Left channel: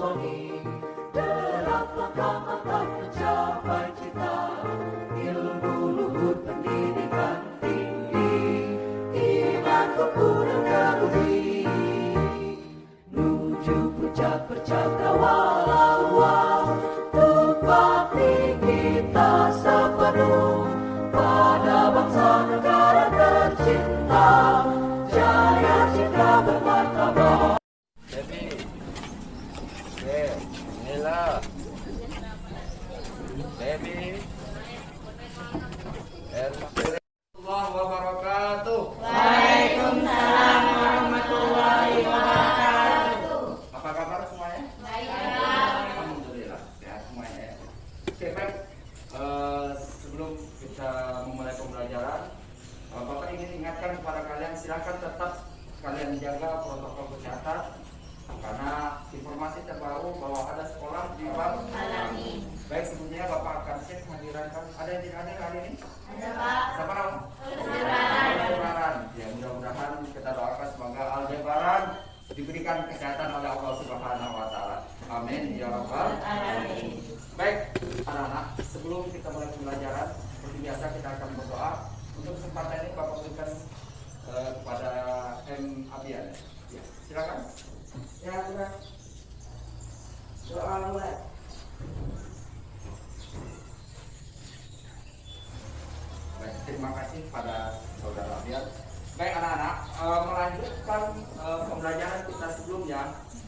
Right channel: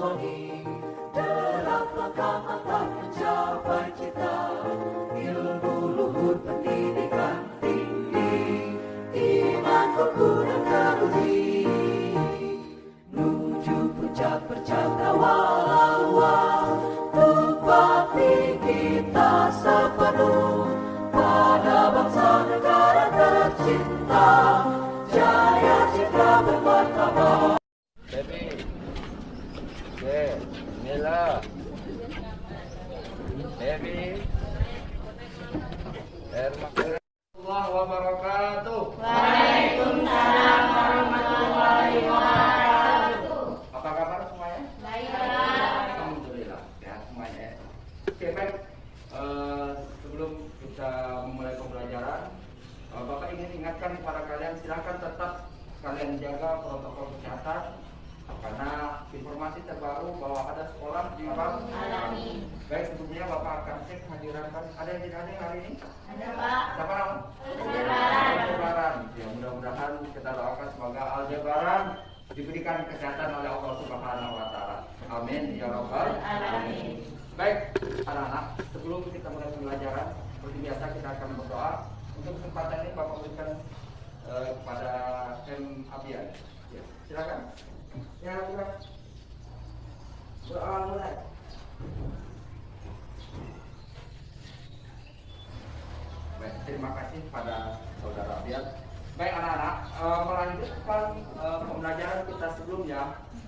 soni, derap langkah-langkah mencapai cita, ilmu luhur pendidikan tinggi, imanku kuat teruji, menuju puncak percakrawala, tepati kita sepenuh pada bangsa negara tercinta, jaya citra bermartabat. Baby, oke, inilah baby. Warahmatullahi wabarakatuh. Waalaikumsalam warahmatullahi wabarakatuh. Apa kabar semuanya? Baik. Alhamdulillah sehat semuanya. Oke, baik. Sebelum kita memulai pembelajaran, Bapak ingin ingatkan kepada kalian, silakan tetap kalian jaga protokol kesehatan karena informasi terbaru bahwa ada sekolah di Bang Alami. Baik, sebelumnya Bapak akan cek kehadiran kan. Ada yang tidak ada hari ini? Ada, Pak. Siapa nama? Aldebaran. Ya, mudah-mudahan kita doakan semoga Aldebaran diberikan kesehatan oleh Allah Subhanahu wa taala. Amin ya rabbal alamin. Baik, anak-anak, sebelum kita mulai pembelajaran, seperti biasa kita akan berdoa. Untuk kesempatan ini Bapak berikan kepada M. Abian. Ya, silakan. Ya, silakan. Doa mulai. Baik, terima kasih pada saudara Abian. Baik anak-anak, melanjutkan pembelajaran kita sebelumnya.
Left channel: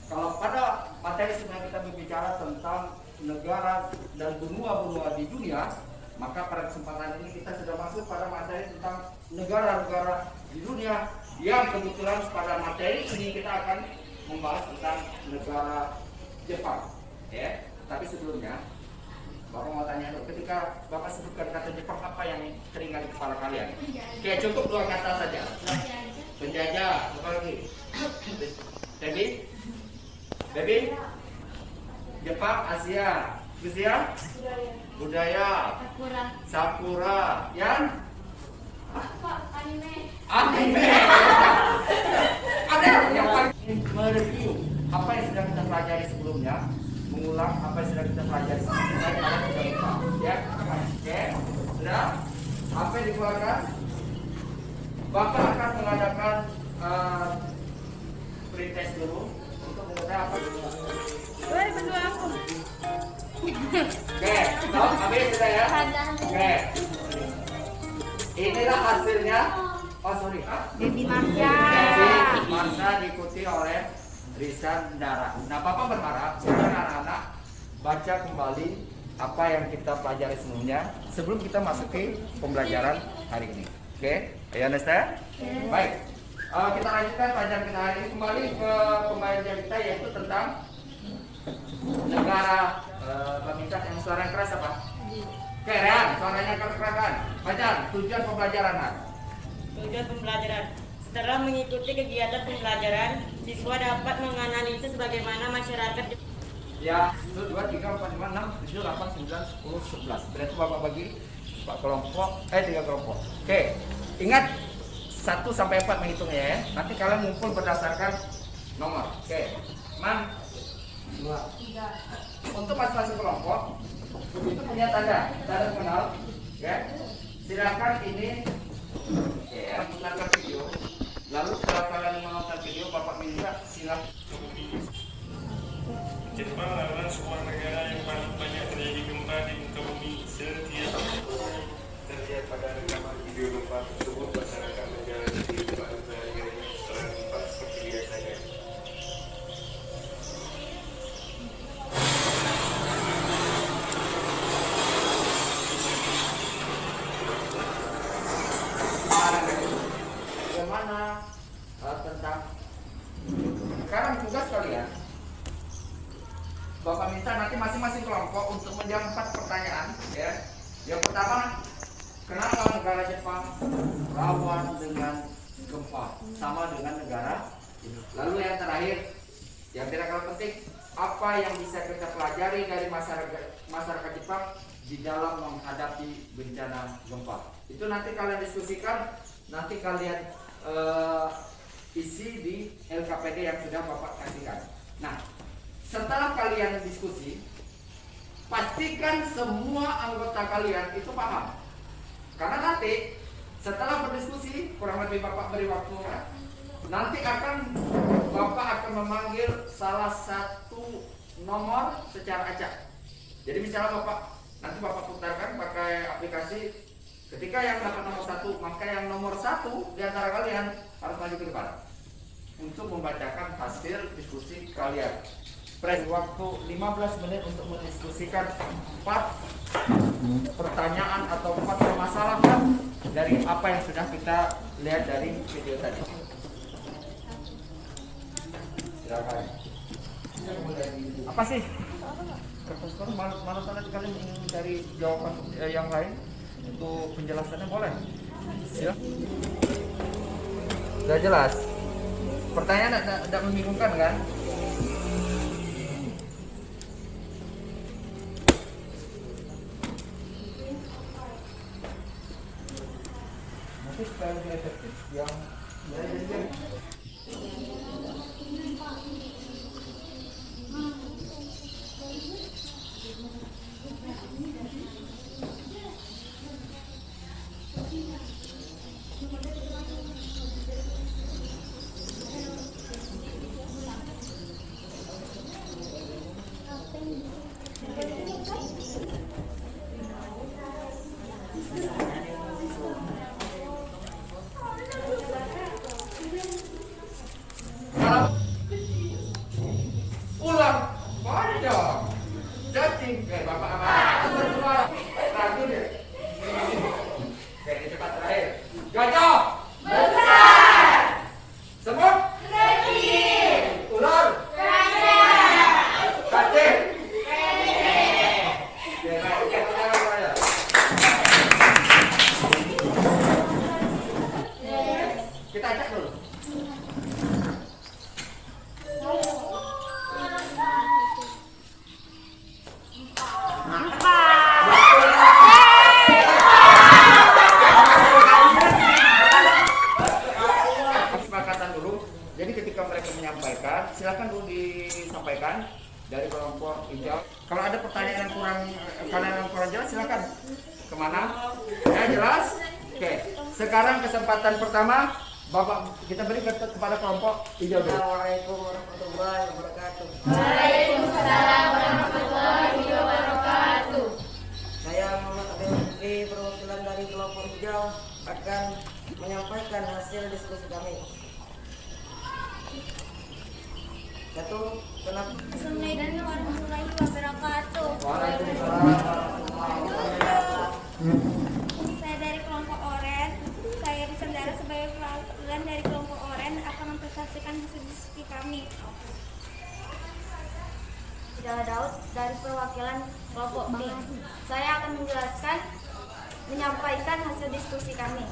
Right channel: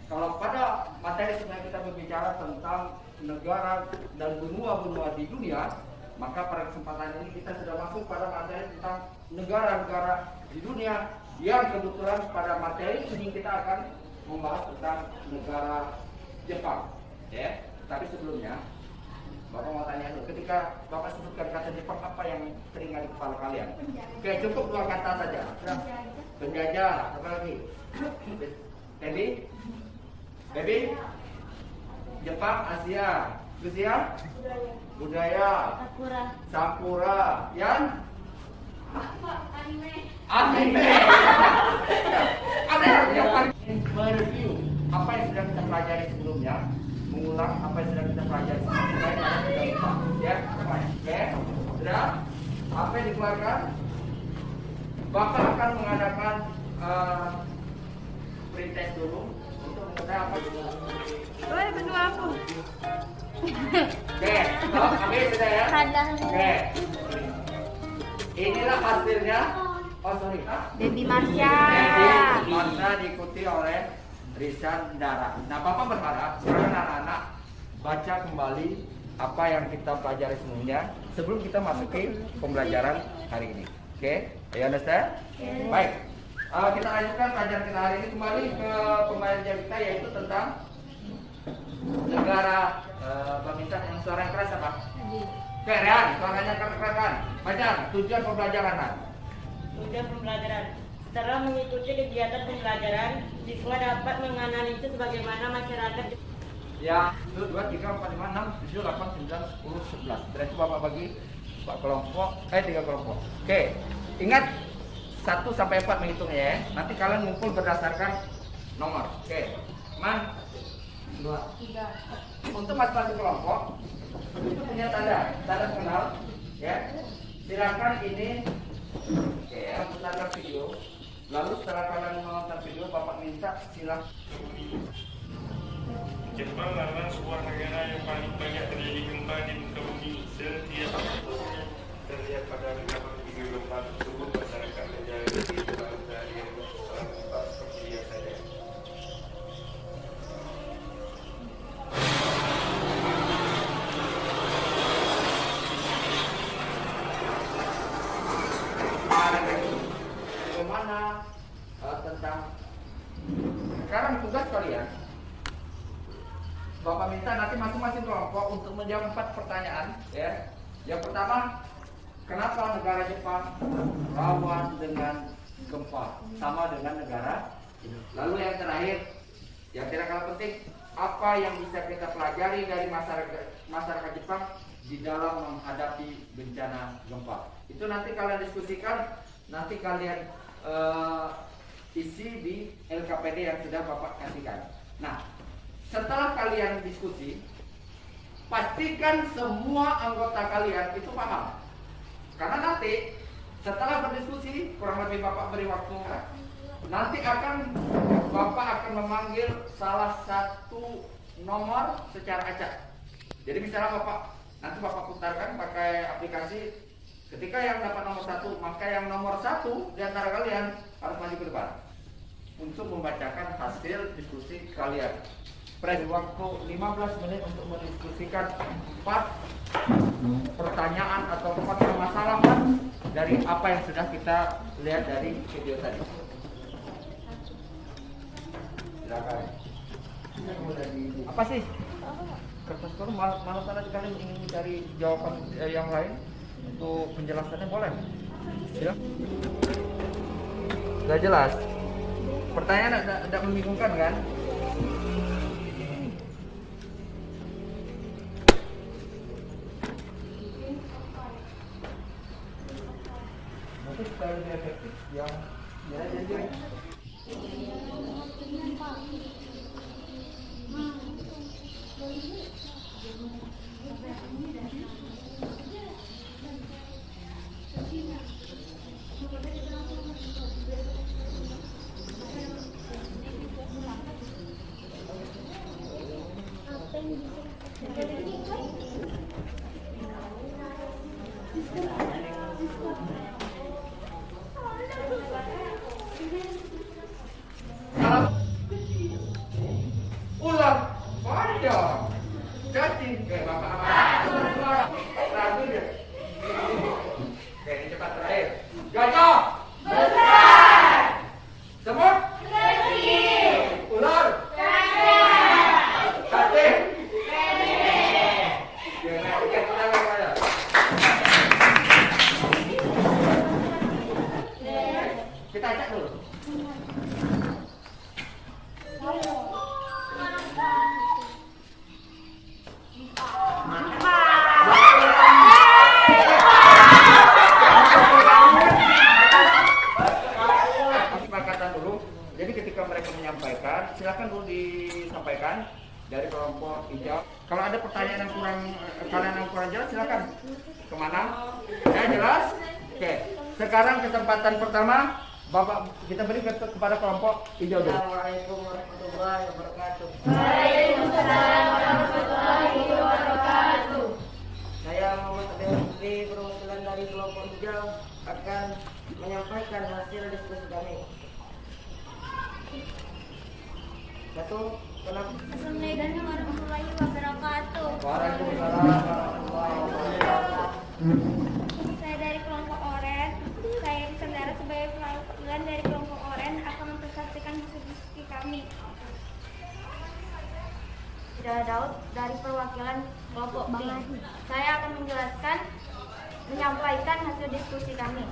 Kalau pada materi sebelumnya kita berbicara tentang negara dan benua-benua di dunia, maka pada kesempatan ini kita sudah masuk pada materi tentang negara-negara di dunia, yang kebetulan pada materi ini kita akan membahas tentang negara Jepang. Ya, tapi sebelumnya Bapak mau tanya dulu, ketika Bapak sebutkan kata Jepang, apa yang teringat di kepala kalian? Oke, cukup dua kata saja. Penjajah, apa lagi? Baby? Baby? Jepang, Asia. Rusia? Budaya. Sakura. Yang? Anime. Ada yang paling mereview apa yang sudah kita pelajari sebelumnya, mengulang apa yang sudah kita pelajari sebelumnya, kalian sudah lupa, ya? Oke, sudah? Apa yang dikeluarkan? Bapak akan mengadakan pretest dulu untuk mengetahui apa yang Boleh bantu aku? Oke, habis sudah ya? Oke. Inilah hasilnya. Oh sorry. Dendi Marsha. Dendi Marsha diikuti oleh Rizan Dara. Nah, Bapak berharap sekarang anak-anak baca kembali apa yang kita pelajari sebelumnya sebelum kita masuki pembelajaran hari ini. Oke, you understand? Baik. Kita lanjutkan pelajaran kita hari ini, kembali ke pembelajaran kita yaitu tentang negara Bamintan yang suara yang keras apa? Oke, Ran, suaranya keras-kerasan. Baca tujuan pembelajaran, Ran. Tujuan pembelajaran. Setelah mengikuti kegiatan pembelajaran, siswa dapat menganalisis bagaimana masyarakat. Ya, 1, 2, 3, 4, 5, 6, 7, 8, 9, 10, 11. Berarti Bapak bagi 3 kelompok. Oke, ingat 1 sampai 4 menghitungnya ya. Nanti kalian ngumpul berdasarkan nomor. Oke, Man. 2. Untuk masing-masing kelompok itu punya tanda kenal, ya. Silakan ini, ya, putarkan video. Lalu setelah kalian menonton video, Bapak minta silakan. Jepang adalah sebuah negara yang paling banyak terjadi gempa di muka bumi setiap tahun. Terlihat pada rekaman video gempa tersebut berdasarkan negara di Jepang sehari-hari setelah gempa seperti biasanya. Bagaimana tentang sekarang tugas kalian? Bapak minta nanti masing-masing kelompok untuk menjawab 4 pertanyaan, ya. Yang pertama, kenapa negara Jepang rawan dengan gempa sama dengan negara ini? Lalu yang terakhir, yang tidak kalah penting, apa yang bisa kita pelajari dari masyarakat Jepang di dalam menghadapi bencana gempa? Itu nanti kalian diskusikan, nanti kalian isi di LKPD yang sudah Bapak kasihkan. Nah, setelah kalian diskusi, pastikan semua anggota kalian itu paham. Karena nanti setelah berdiskusi, kurang lebih Bapak beri waktu, nanti Bapak akan memanggil salah satu nomor secara acak. Jadi misalnya nanti Bapak putarkan pakai aplikasi. Ketika yang dapat nomor 1, maka yang nomor 1 di antara kalian harus maju ke depan untuk membacakan hasil diskusi kalian. Beri waktu 15 menit untuk mendiskusikan 4 pertanyaan atau 4 permasalahan dari apa yang sudah kita lihat dari video tadi. Silakan. Apa sih? Sekarang malam tadi kalian ingin cari jawaban yang lain untuk penjelasannya, boleh? Silakan. Gak jelas. Pertanyaan tidak membingungkan kan? Nanti kalau dia efektif yang ya. Ular panjang cacing kayak Bapak amat ragu deh. Oke, ini cepat terakhir. Gajah besar, semut kecil, ular cacing. Kita cek dulu. Jadi ketika mereka menyampaikan, silakan dulu disampaikan dari kelompok hijau. Kalau ada pertanyaan yang kurang jelas, silakan kemana? Ya jelas? Oke. Sekarang kesempatan pertama, Bapak kita beri kepada kelompok hijau dulu. Assalamualaikum warahmatullahi wabarakatuh. Waalaikumsalam warahmatullahi wabarakatuh. Saya Muhammad Abdul Hadi, perwakilan dari kelompok hijau akan menyampaikan hasil diskusi kami. Satu, kenapa? Assalamualaikum warahmatullahi wabarakatuh. Waalaikumsalam warahmatullahi wabarakatuh. Saya dari kelompok Oren. Saya Risandara sebagai perwakilan dari kelompok Oren akan mempresentasikan hasil diskusi kami. Saya Daud dari perwakilan kelompok B. Saya akan menyampaikan hasil diskusi kami.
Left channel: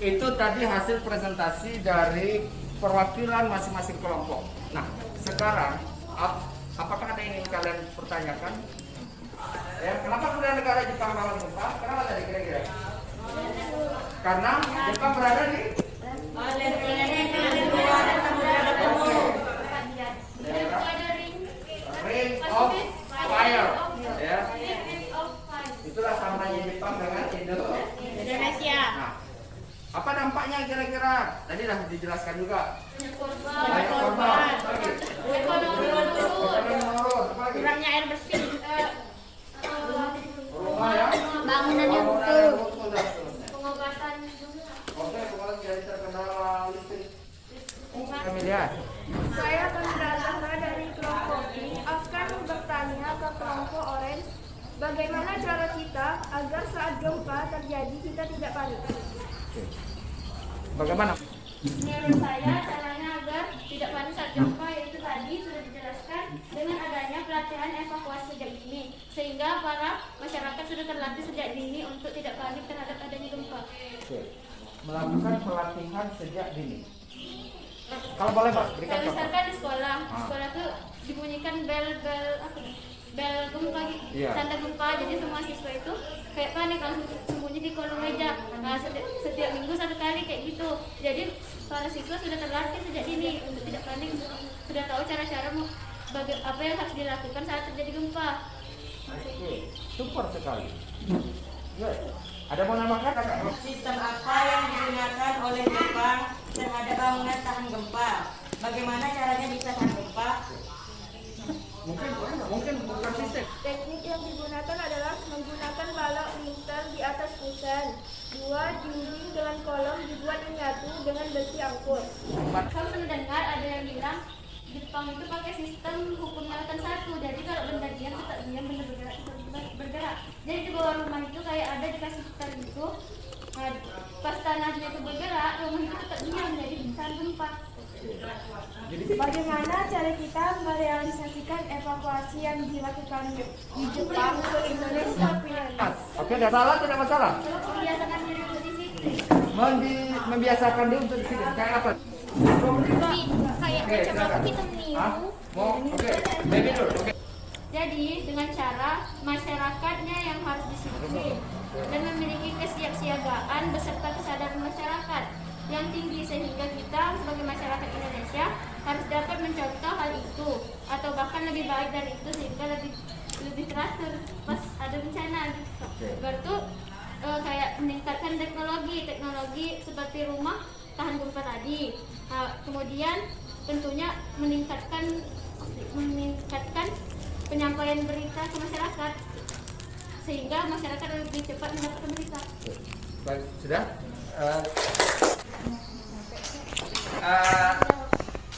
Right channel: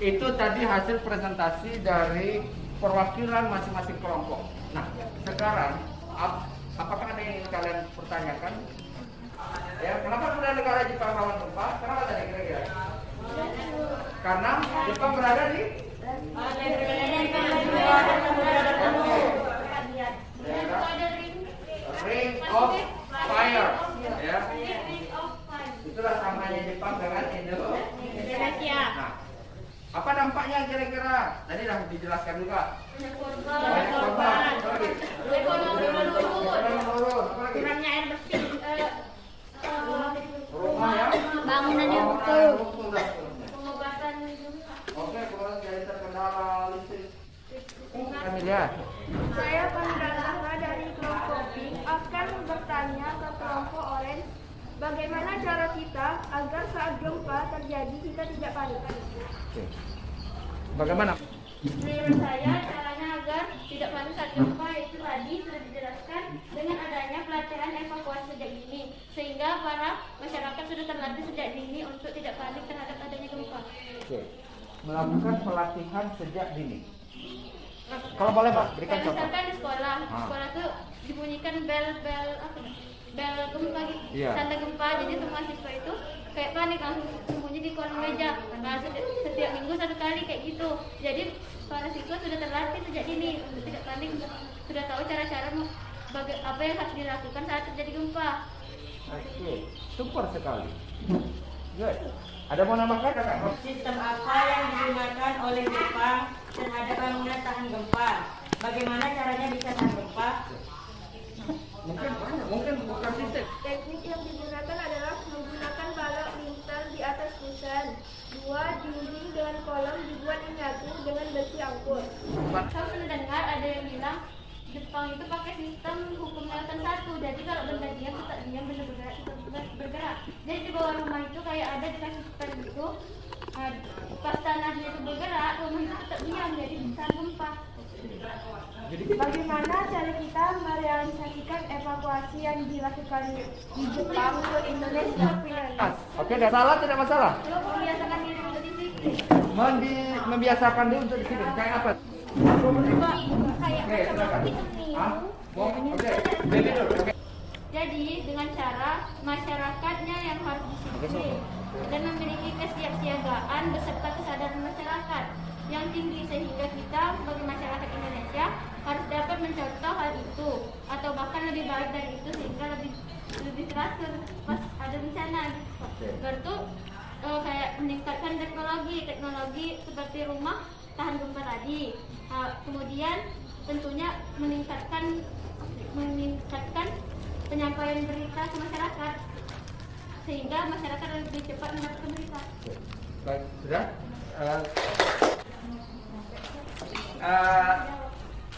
Itu tadi hasil presentasi dari perwakilan masing-masing kelompok. Nah, sekarang apakah ada yang ingin kalian pertanyakan? Ya, kenapa sudah negara Jepang melawan gempa? Kenapa tadi kira-kira? Karena Jepang berada di Ring of Fire. Ya. Itulah samanya Jepang dengan Indonesia. Nah, apa dampaknya kira-kira? Tadi sudah dijelaskan juga. Banyak korban. Apa lagi? Ekonomi menurun. Apa lagi? Kurangnya air bersih. Rumah ya? Bangunan yang utuh. Pengobatan. Oke, kemudian jadi terkendala listrik. Kami lihat. Saya Pandratama dari kelompok B akan bertanya ke kelompok Orange, bagaimana cara kita agar saat gempa terjadi kita tidak panik? Oke. Bagaimana? Menurut saya caranya agar tidak panik saat gempa yaitu tadi sudah dijelaskan dengan adanya pelatihan evakuasi sejak dini, sehingga para masyarakat sudah terlatih sejak dini untuk tidak panik terhadap adanya gempa. Oke. Melakukan pelatihan sejak dini. Kalau boleh berikan Kayak contoh. misalkan di sekolah tuh dibunyikan bel gempa gitu, Iya. tanda gempa, jadi semua siswa itu kayak panik langsung sembunyi di kolong meja. Nah, setiap minggu satu kali kayak gitu. Jadi para siswa sudah terlatih sejak dini untuk tidak panik, sudah tahu cara-cara apa yang harus dilakukan saat terjadi gempa. Oke, super sekali. Good. Ada mau nambahkan Kak? Sistem apa yang digunakan oleh Jepang terhadap bangunan tahan gempa? Bagaimana caranya bisa tahan gempa? Mungkin bukan sistem. Teknik yang digunakan adalah menggunakan balok lintel di atas kusen. 2 dinding dengan kolom dibuat menyatu dengan besi angkut. Saya pernah dengar ada yang bilang Jepang itu pakai sistem hukum Newton 1. Jadi kalau benda diam tetap diam, benda bergerak tetap bergerak. Jadi di bawah rumah itu kayak ada dikasih setel gitu. Pas tanahnya itu bergerak, rumah itu tetap diam, jadi bisa gempa. Bagaimana cara kita merealisasikan evakuasi yang dilakukan di Jepang ke Indonesia? Oke, nggak salah, tidak masalah. Membiasakan diri untuk di situ. Membiasakan diri untuk di sini. Kayak apa? Oke, silakan. Hah? Mau? Oke, jadi dulu. Oke. Jadi dengan cara masyarakatnya yang harus disiplin dan memiliki kesiapsiagaan beserta kesadaran masyarakat yang tinggi sehingga kita sebagai masyarakat Indonesia harus dapat mencontoh hal itu atau bahkan lebih baik dari itu sehingga lebih teratur pas ada bencana gitu. Berarti kayak meningkatkan teknologi seperti rumah tahan gempa tadi. Kemudian tentunya meningkatkan penyampaian berita ke masyarakat sehingga masyarakat lebih cepat mendapatkan berita. Baik, sudah?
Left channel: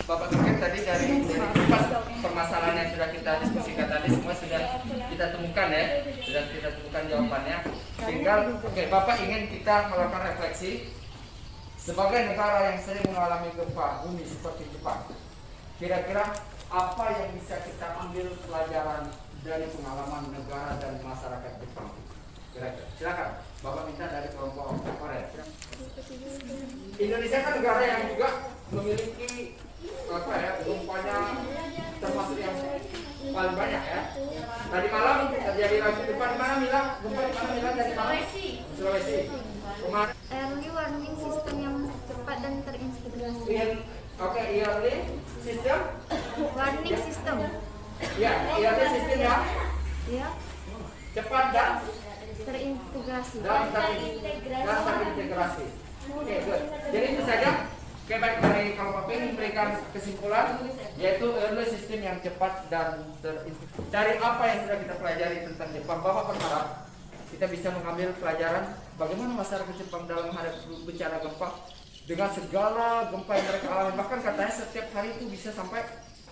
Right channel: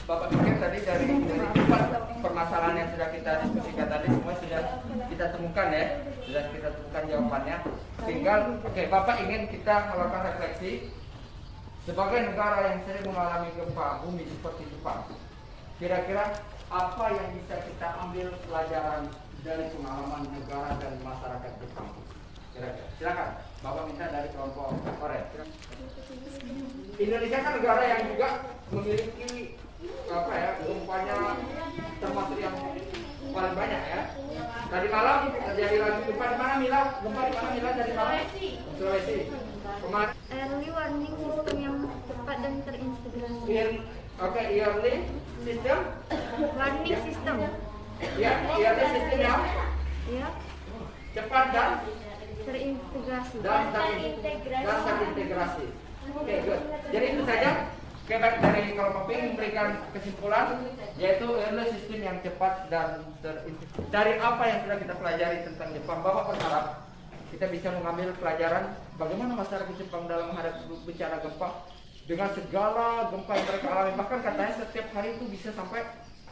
Bapak pikir tadi dari 4 permasalahan yang sudah kita diskusikan tadi semua sudah kita temukan ya, sudah kita temukan jawabannya. Tinggal, oke, Bapak ingin kita melakukan refleksi sebagai negara yang sering mengalami gempa bumi seperti Jepang. Kira-kira apa yang bisa kita ambil pelajaran dari pengalaman negara dan masyarakat Jepang? Silakan, Bapak minta dari kelompok Korea. Indonesia kan negara yang juga memiliki gempanya termasuk yang paling banyak ya. Tadi malam terjadi lagi gempa di mana Mila? Gempa di mana Mila tadi malam? Sulawesi. Kemarin. Early warning system yang cepat dan terintegrasi. Early system. Warning system. Ya, early system ya. Ya, Cepat dan terintegrasi. terintegrasi. Oke, good. Jadi itu saja. Oke, baik, dari kalau Papi memberikan kesimpulan yaitu early system yang cepat dan terintegrasi. Dari apa yang sudah kita pelajari tentang Jepang, Bapak berharap kita bisa mengambil pelajaran bagaimana masyarakat Jepang dalam menghadapi bencana gempa dengan segala gempa yang mereka alami. Bahkan katanya setiap hari itu bisa sampai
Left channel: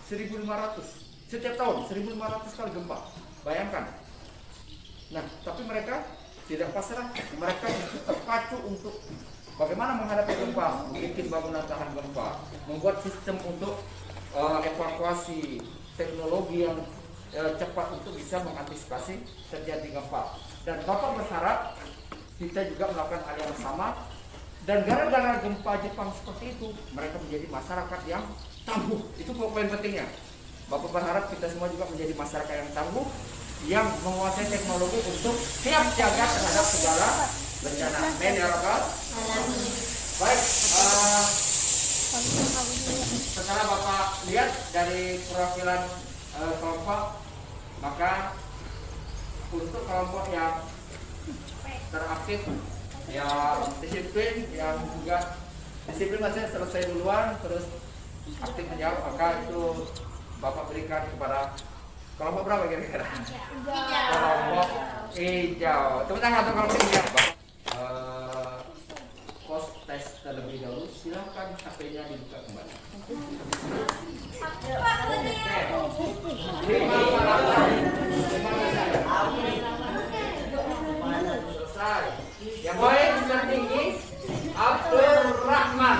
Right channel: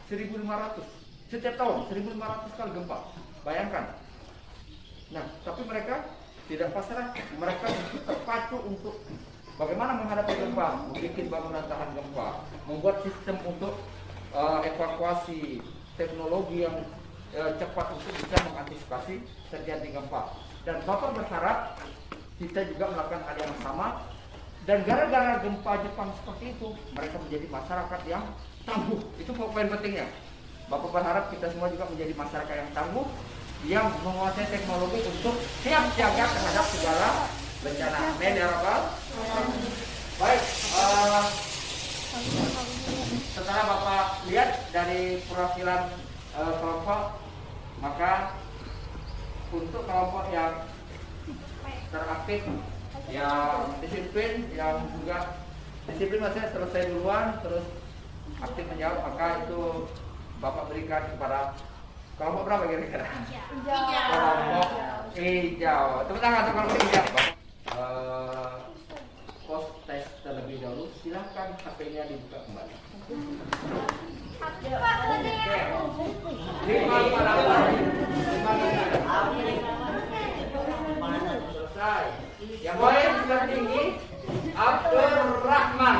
1.500 setiap tahun, 1.500 kali gempa. Bayangkan. Nah, tapi mereka tidak pasrah, mereka terpacu untuk bagaimana menghadapi gempa, membuat bangunan tahan gempa, membuat sistem untuk evakuasi, teknologi yang cepat untuk bisa mengantisipasi terjadi gempa. Dan Bapak berharap kita juga melakukan hal yang sama. Dan gara-gara gempa Jepang seperti itu, mereka menjadi masyarakat yang tangguh. Itu poin pentingnya. Bapak berharap kita semua juga menjadi masyarakat yang tangguh, yang menguasai teknologi untuk siap siaga terhadap segala bencana. Amin ya Bapak. Baik, setelah Bapak lihat dari perwakilan kelompok, maka untuk kelompok yang teraktif, yang disiplin, yang juga disiplin maksudnya selesai duluan, terus aktif menjawab, maka itu Bapak berikan kepada kelompok berapa kira-kira? Kelompok hijau. Tepuk tangan untuk kelompok hijau. Post tes terlebih dahulu, silahkan HP-nya dibuka kembali. Selesai. Yang poin sudah tinggi, Abdul Rahman.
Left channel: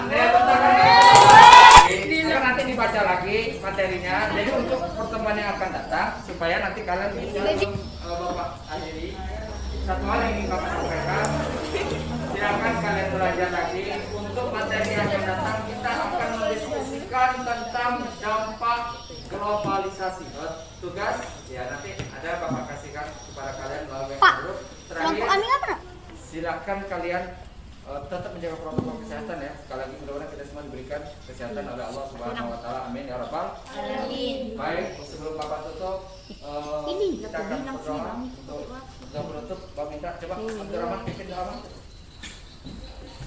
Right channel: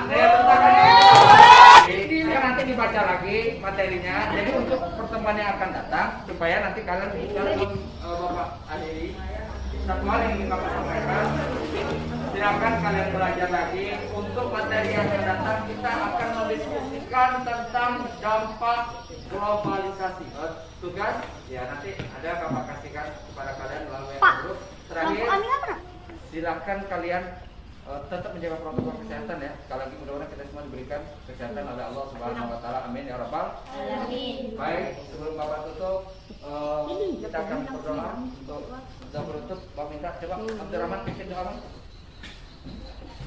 Akan nanti dibaca lagi materinya. Jadi untuk pertemuan yang akan datang, supaya nanti kalian bisa Bapak adili. Satu hal yang ingin Bapak sampaikan, silakan kalian belajar lagi. Untuk materi yang akan datang, kita akan mendiskusikan tentang dampak globalisasi. Tugas, ya nanti ada Bapak kasihkan kepada kalian melalui grup. Terakhir, silakan kalian tetap menjaga protokol kesehatan ya. Sekali lagi mudah-mudahan kita semua diberikan kesehatan oleh Allah Subhanahu wa taala. Amin ya rabbal alamin. Baik, sebelum Bapak tutup kita akan berdoa untuk penutup. Bapak minta coba Abdul Rahman bikin doa.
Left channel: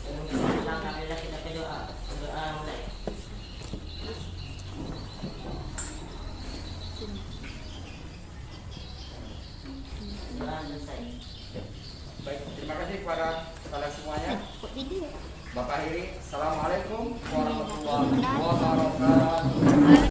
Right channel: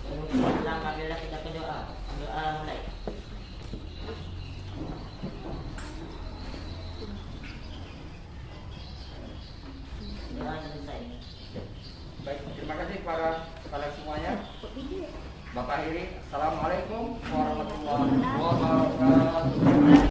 Alhamdulillah kita berdoa. Doa mulai. Doa selesai. Baik, terima kasih kepada kalian semuanya. Bapak akhiri, assalamualaikum warahmatullahi wabarakatuh.